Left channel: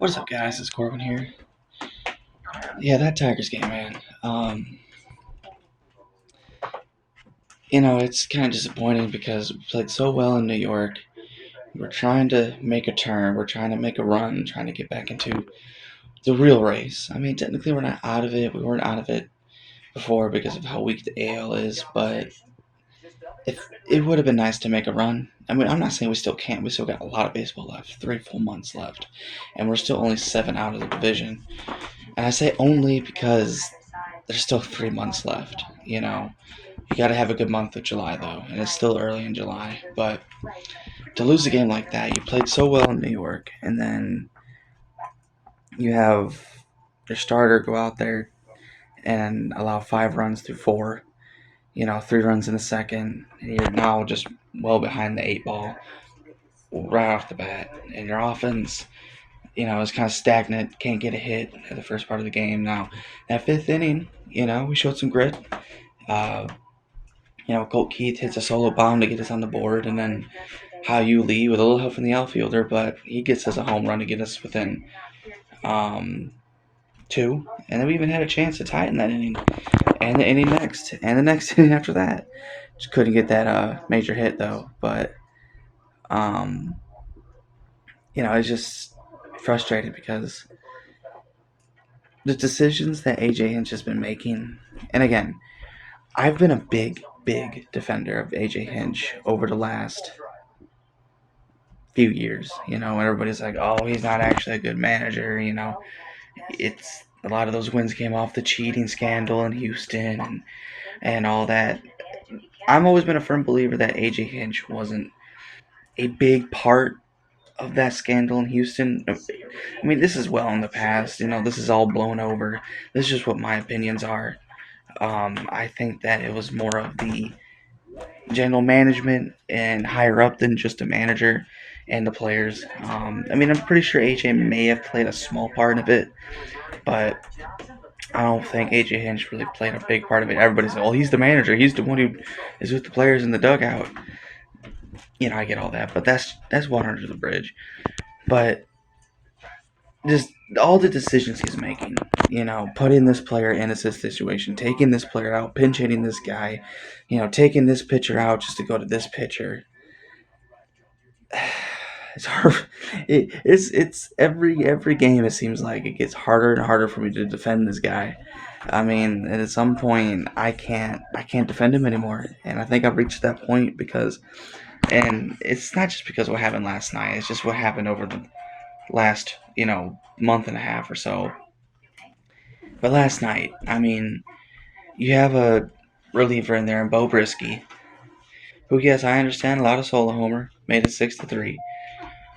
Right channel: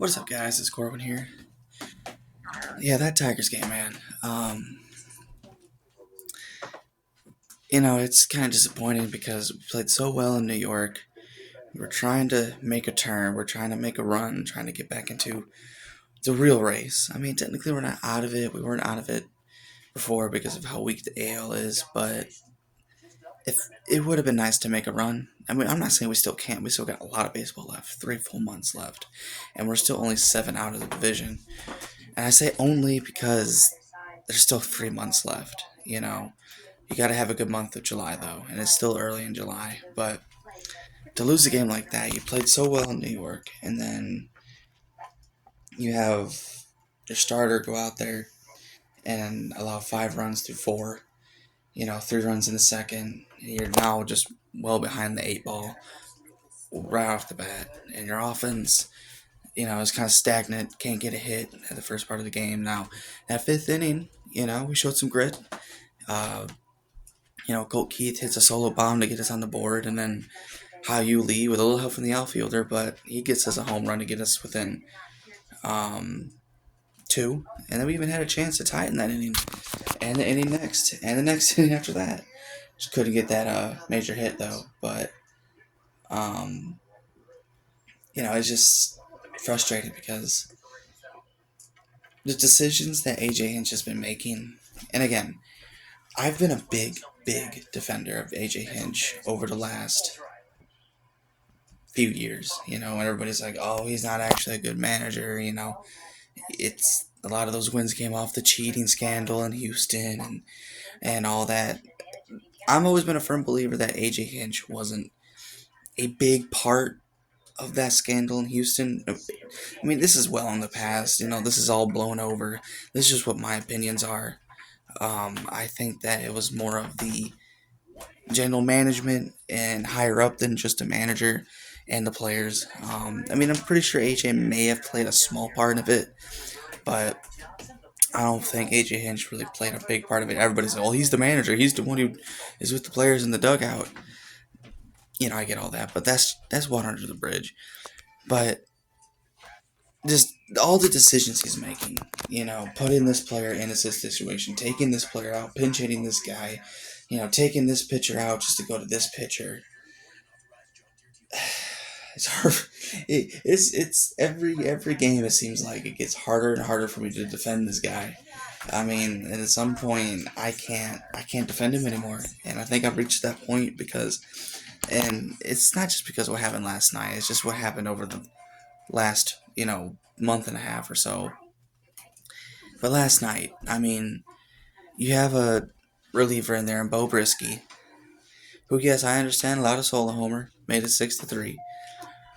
What's up, guys? It's Corbin here. Yeah, that Tigers game, man. It's kind of disappointing because we played so well in New York. We're trying to make a turn. We're trying to make a run, trying to get back into the real race. I mean, technically, we're not out of it. We weren't out of it before because of how weak the AL is, but if it would have been nice to make a run. I mean, I'm not saying we still can't. We still got a lot of baseball left, 3 full months left, and we're still only 7 out of the division. And I say only because there's still 3 months left. You got to have a good month of July though, and it's still early in July. But to lose a game like that, you played so well in New York, and then you have your starter go out there and allow 5 runs through four. 3 runs in the second. And you're now just well behind the 8 ball right off the bat, and your offense, is kind of stagnant. Can't get a hit at the first part of the game. Now, that fifth inning, we showed some grit. Uh, Colt Keith hits a solo bomb to get us on the board, and then Hao-Yu Lee with a little help from the outfielder, but he gets us a home run to get us within um, two. And then we even had a chance to tie it in that inning, and the inning next, and the next inning after that. Just couldn't get that major hit though. But um, it's just frustrating because the decisions that AJ Hinch has been making, and again, I've been a big defender of AJ Hinch over the last few years, and everybody's like, oh, he's not actually a good manager, it's a lot of those wins came off the cheating scandal in Houston and all that. I've always been a firm believer that AJ Hinch wasn't a big part of that scandal in Houston. I mean, this is well in the past, this is all blown over. This is just what my opinions are. I think that it was more of the general management and higher up than just a manager and the players. I mean, I'm pretty sure AJ may have played a small part of it, but I don't think AJ Hinch really played a big part of it. Everybody's like, well, he's the manager. He's the one who is with the players in the dugout. I get all that, but that's water under the bridge. But just all the decisions he's making, putting this player in a situation, taking this player out, pinch hitting this guy, taking this pitcher out just to go to this pitcher. It's hard. It's every game. It seems like it gets harder and harder for me to defend this guy. I mean, at some point, I can't defend him anymore, and I think I've reached that point and it's not just because of what happened last night. It's just what happened over the last month and a half or so. But last night, I mean, you have a reliever in there in Bo Brisky, who, yes, I understand a lot of solo homer, made it 6-3.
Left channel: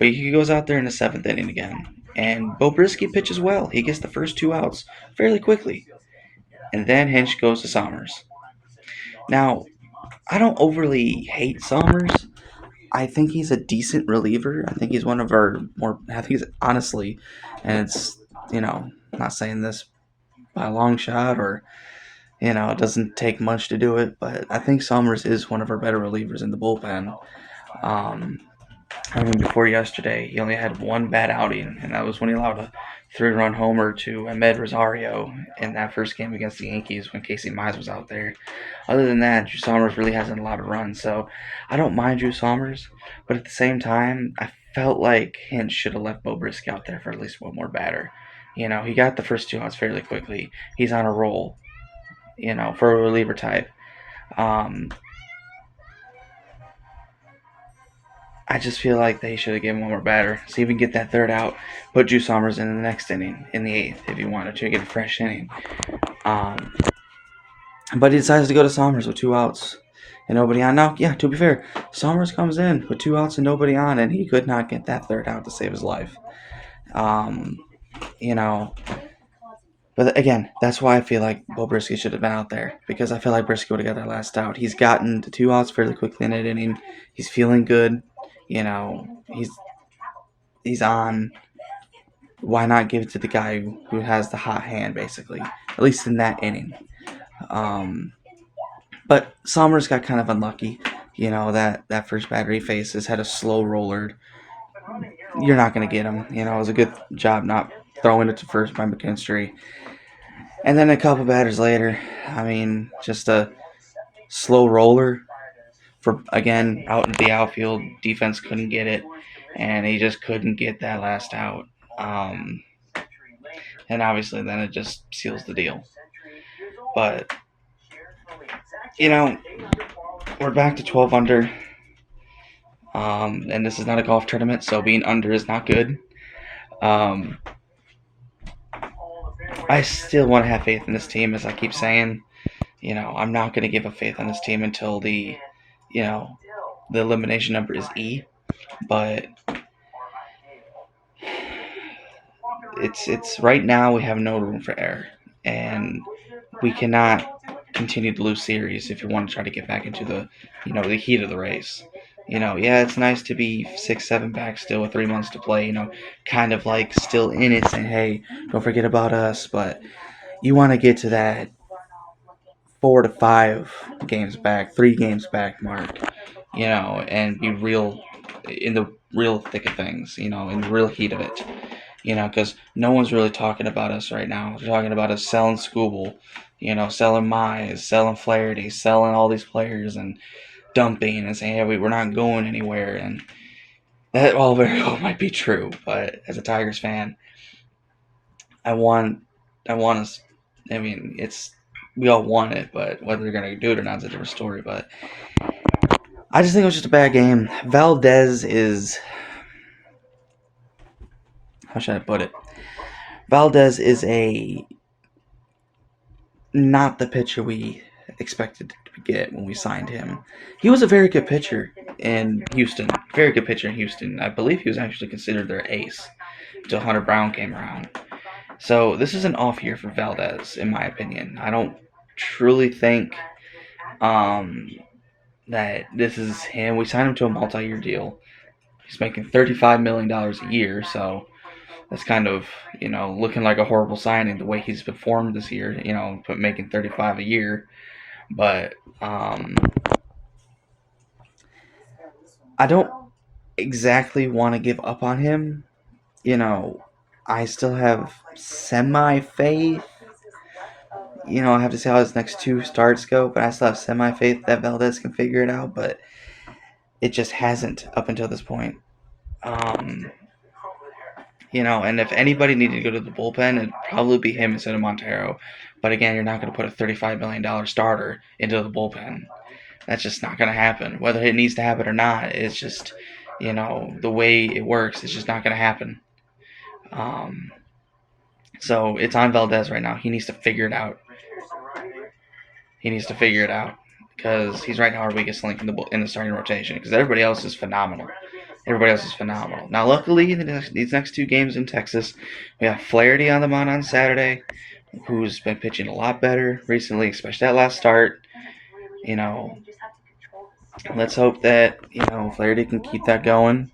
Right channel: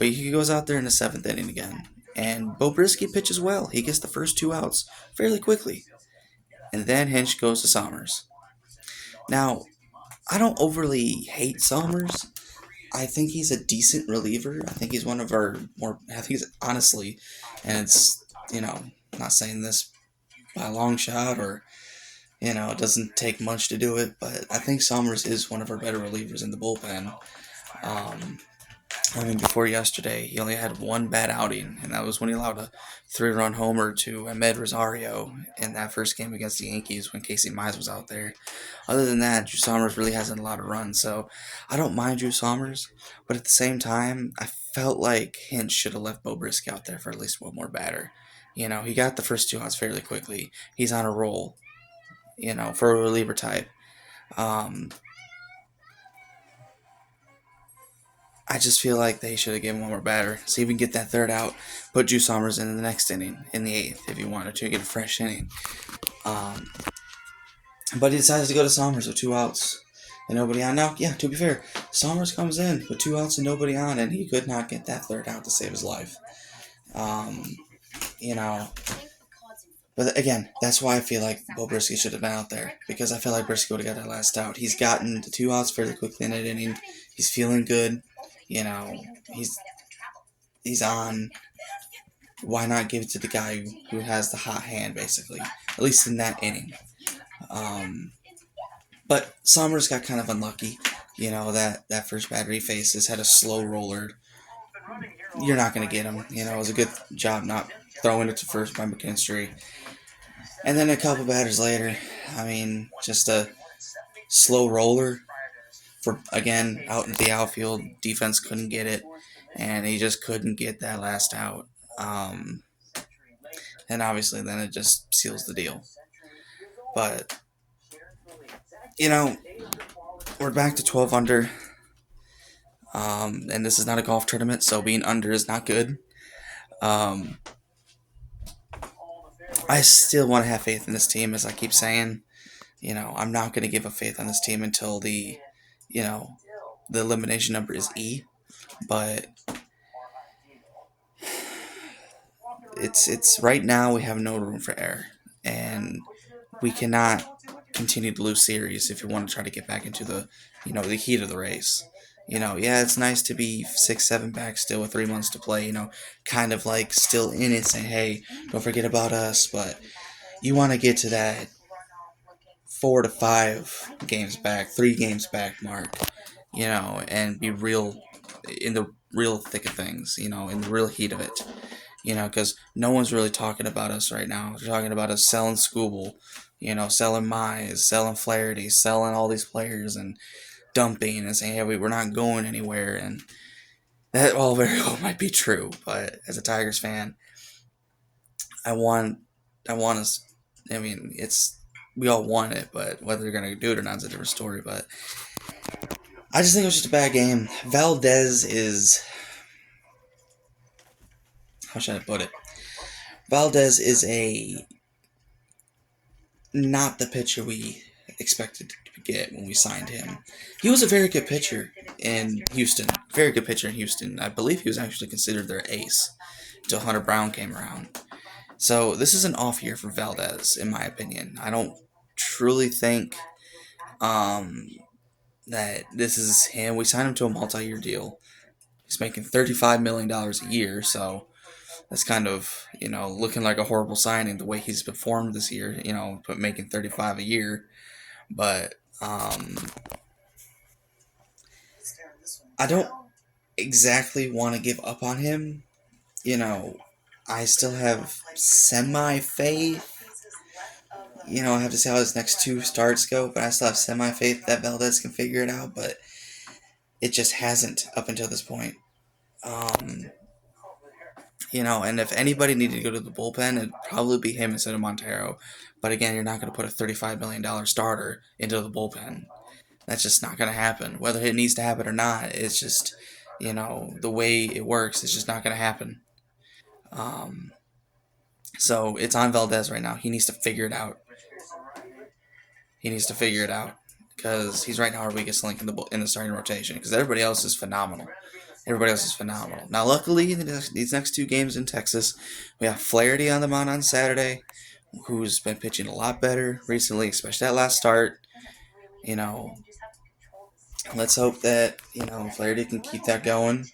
But he goes out there in the seventh inning again, and Bo Brisky pitches well. He gets the first 2 outs fairly quickly, and then Hinch goes to Somers. Now, I don't overly hate Somers. I think he's a decent reliever. I think he's one of our more. I think he's honestly, and it's I'm not saying this by a long shot or it doesn't take much to do it, but I think Somers is one of our better relievers in the bullpen. Um, I mean, before yesterday, he only had one bad outing, and that was when he allowed a 3-run homer to Ahmed Rosario in that first game against the Yankees when Casey Mize was out there. Other than that, Drew Somers really hasn't allowed a run, so I don't mind Drew Somers, but at the same time, I felt like Hinch should have left Bo Brisky out there for at least one more batter. He got the first 2 outs fairly quickly. He's on a roll, for a reliever type. Um, I just feel like they should have given one more batter. So even get that third out, put Drew Somers in the next inning, in the eighth, if you wanted to get a fresh inning. Um, but he decides to go to Somers with 2 outs and nobody on. Now, yeah, to be fair, Somers comes in with 2 outs and nobody on, and he could not get that third out to save his life. Um, you know, but again, that's why I feel like Bo Brisky should have been out there, because I feel like Brisky would have got that last out. He's gotten the 2 outs fairly quickly in that inning. He's feeling good. He's on. Why not give it to the guy who has the hot hand, basically, at least in that inning? Um, but Somers got kind of unlucky. That first batter he faces had a slow roller you're not going to get him. It was a good job not throwing it to first by McKinstry. And then a couple batters later, just a slow roller for, again, out in the outfield. Defense couldn't get it, and he just couldn't get that last out. Um, and obviously, then it just seals the deal. But, you know, we're back to 12 under. And this is not a golf tournament, so being under is not good. Um, I still want to have faith in this team, as I keep saying. I'm not going to give up faith on this team until you know, the elimination number is E. But it's right now we have no room for error, and we cannot continue to lose series if you want to try to get back into the heat of the race. Yeah, it's nice to be 6-7 back still with 3 months to play. Kind of like still in it, saying, "Hey, don't forget about us." But you want to get to that 4 to 5 games back, 3 games back mark. And be real in the real thick of things. In the real heat of it. Because no one's really talking about us right now. They're talking about us selling Scooble, selling Mize, selling Flaherty, selling all these players, and dumping and saying, "Hey, we're not going anywhere." And that all very well might be true, but as a Tigers fan, I want us. We all want it, but whether they're gonna do it or not is a different story. But I just think it was just a bad game. Valdez is, how should I put it? Valdez is not the pitcher we expected to get when we signed him. He was a very good pitcher in Houston. Very good pitcher in Houston. I believe he was actually considered their ace until Hunter Brown came around. So this is an off year for Valdez, in my opinion. I don't truly think that this is him. We signed him to a multi-year deal. He's making $35 million a year, so that's kind of, looking like a horrible signing the way he's performed this year, but making 35 a year. But I don't exactly want to give up on him. I still have semi-faith. I have to see how his next 2 starts go, but I still have semi-faith that Valdez can figure it out, but it just hasn't up until this point. And if anybody needed to go to the bullpen, it'd probably be him instead of Montero. But again, you're not going to put a $35 million starter into the bullpen. That's just not going to happen. Whether it needs to happen or not, it's just, the way it works, it's just not going to happen. So it's on Valdez right now. He needs to figure it out. Because he's right now our weakest link in the starting rotation. Because everybody else is phenomenal. Now, luckily, these next 2 games in Texas, we have Flaherty on the mound on Saturday, who's been pitching a lot better recently, especially that last start. Let's hope that, Flaherty can keep that going.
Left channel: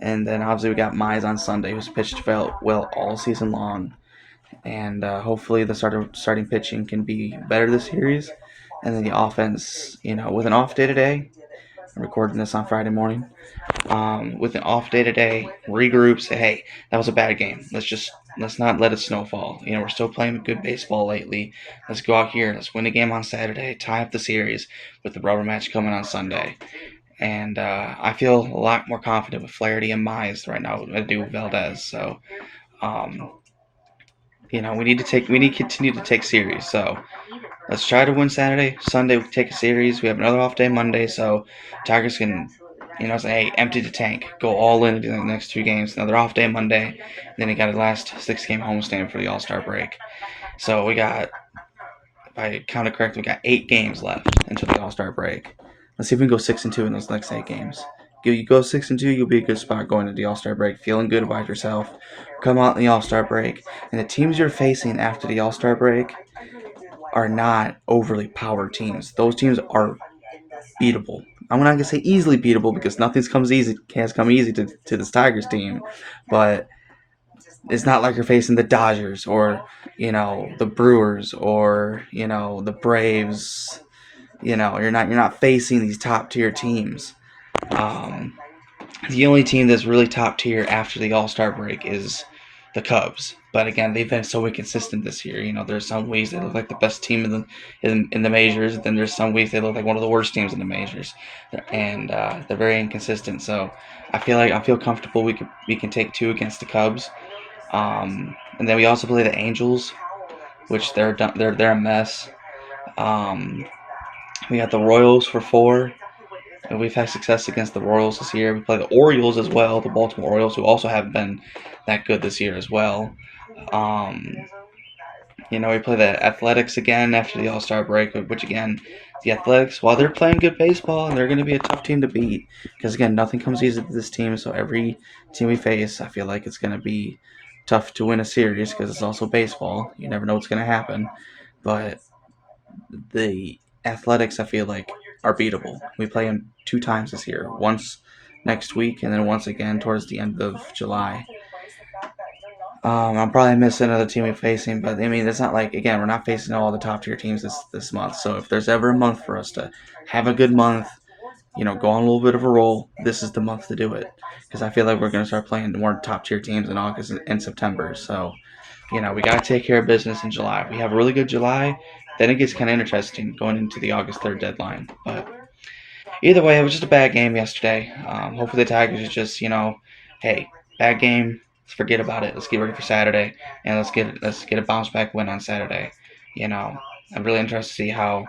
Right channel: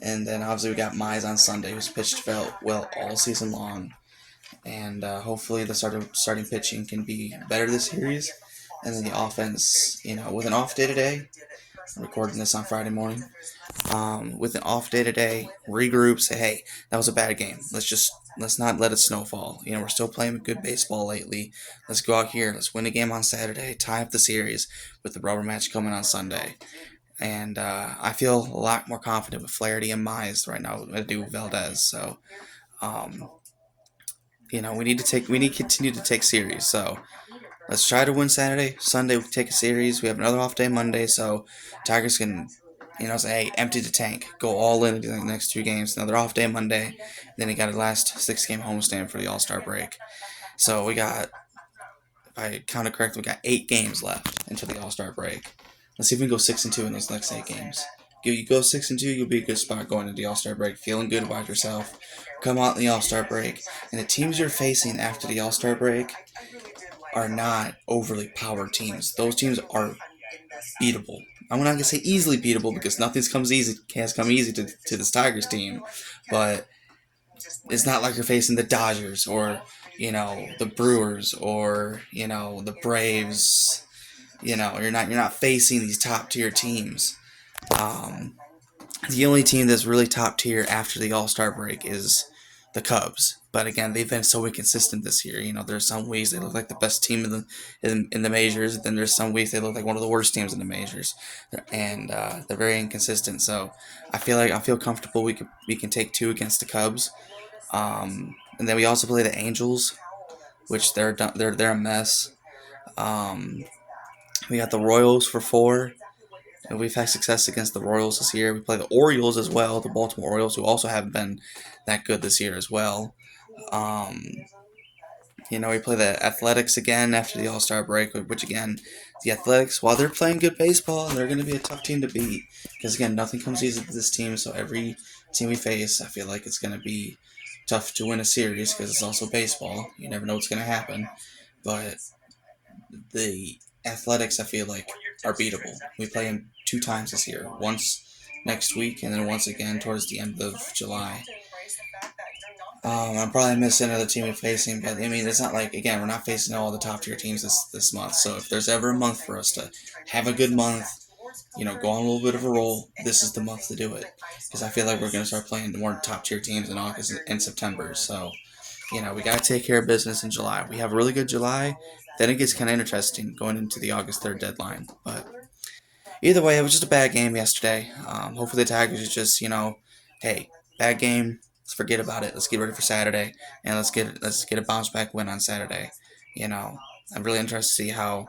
And then obviously we got Mize on Sunday, who's pitched well all season long. And hopefully the starting pitching can be better this series. And then the offense, with an off day today, I'm recording this on Friday morning. With an off day today, regroup, say, hey, that was a bad game. Let's not let it snowfall. We're still playing good baseball lately. Let's go out here and let's win a game on Saturday, tie up the series with the rubber match coming on Sunday. And I feel a lot more confident with Flaherty and Mize right now than I do with Valdez. So, we need to continue to take series. So let's try to win Saturday. Sunday we take a series. We have another off day Monday, so Tigers can, say, hey, empty the tank, go all in the next 2 games. Another off day Monday, and then we got a last 6-game homestand for the All-Star break. So we got, if I counted correctly, we got 8 games left until the All-Star break. Let's see if we can go 6-2 in those next 8 games. You go 6-2, you'll be a good spot going to the All-Star break, feeling good about yourself. Come out in the All-Star break, and the teams you're facing after the All-Star break are not overly powered teams. Those teams are beatable. I'm not gonna say easily beatable because nothing's come easy to this Tigers team, but it's not like you're facing the Dodgers or the Brewers or the Braves. You're not facing these top tier teams. The only team that's really top tier after the All-Star break is the Cubs. But again, they've been so inconsistent this year. There's some weeks they look like the best team in the majors. Then there's some weeks they look like one of the worst teams in the majors, and they're very inconsistent. So I feel comfortable we can take two against the Cubs. And then we also play the Angels, which they're a mess. Um, we got the Royals for four. And we've had success against the Royals this year. We play the Orioles as well, the Baltimore Orioles, who also haven't been that good this year as well. Um, we play the Athletics again after the All Star break, which again, the Athletics, while they're playing good baseball, they're going to be a tough team to beat. Because again, nothing comes easy to this team, so every team we face, I feel like it's going to be tough to win a series because it's also baseball. You never know what's going to happen. But the Athletics, I feel like, are beatable. We play them two times this year. Once next week, and then once again towards the end of July. I'm probably missing another team we're facing, but I mean, it's not like, again, we're not facing all the top tier teams this month. So if there's ever a month for us to have a good month, go on a little bit of a roll, this is the month to do it. Because I feel like we're going to start playing more top tier teams in August and September. So, we got to take care of business in July. We have a really good July. Then it gets kind of interesting going into the August 3rd deadline. But either way, it was just a bad game yesterday. Hopefully the Tigers is just, hey, bad game. Let's forget about it. Let's get ready for Saturday, and let's get a bounce back win on Saturday. I'm really interested to see how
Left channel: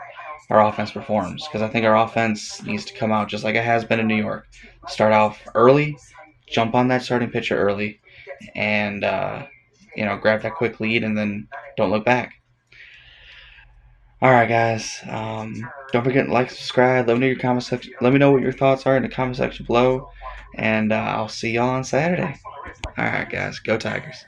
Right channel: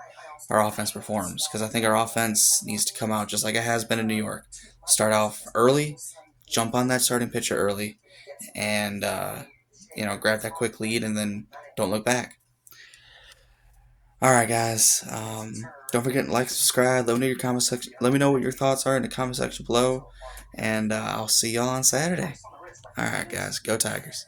our offense performs because I think our offense needs to come out just like it has been in New York. Start off early, jump on that starting pitcher early, and grab that quick lead, and then don't look back. All right, guys. Don't forget to like, subscribe. Let me know your comment section. Let me know what your thoughts are in the comment section below, and I'll see y'all on Saturday. All right, guys. Go Tigers.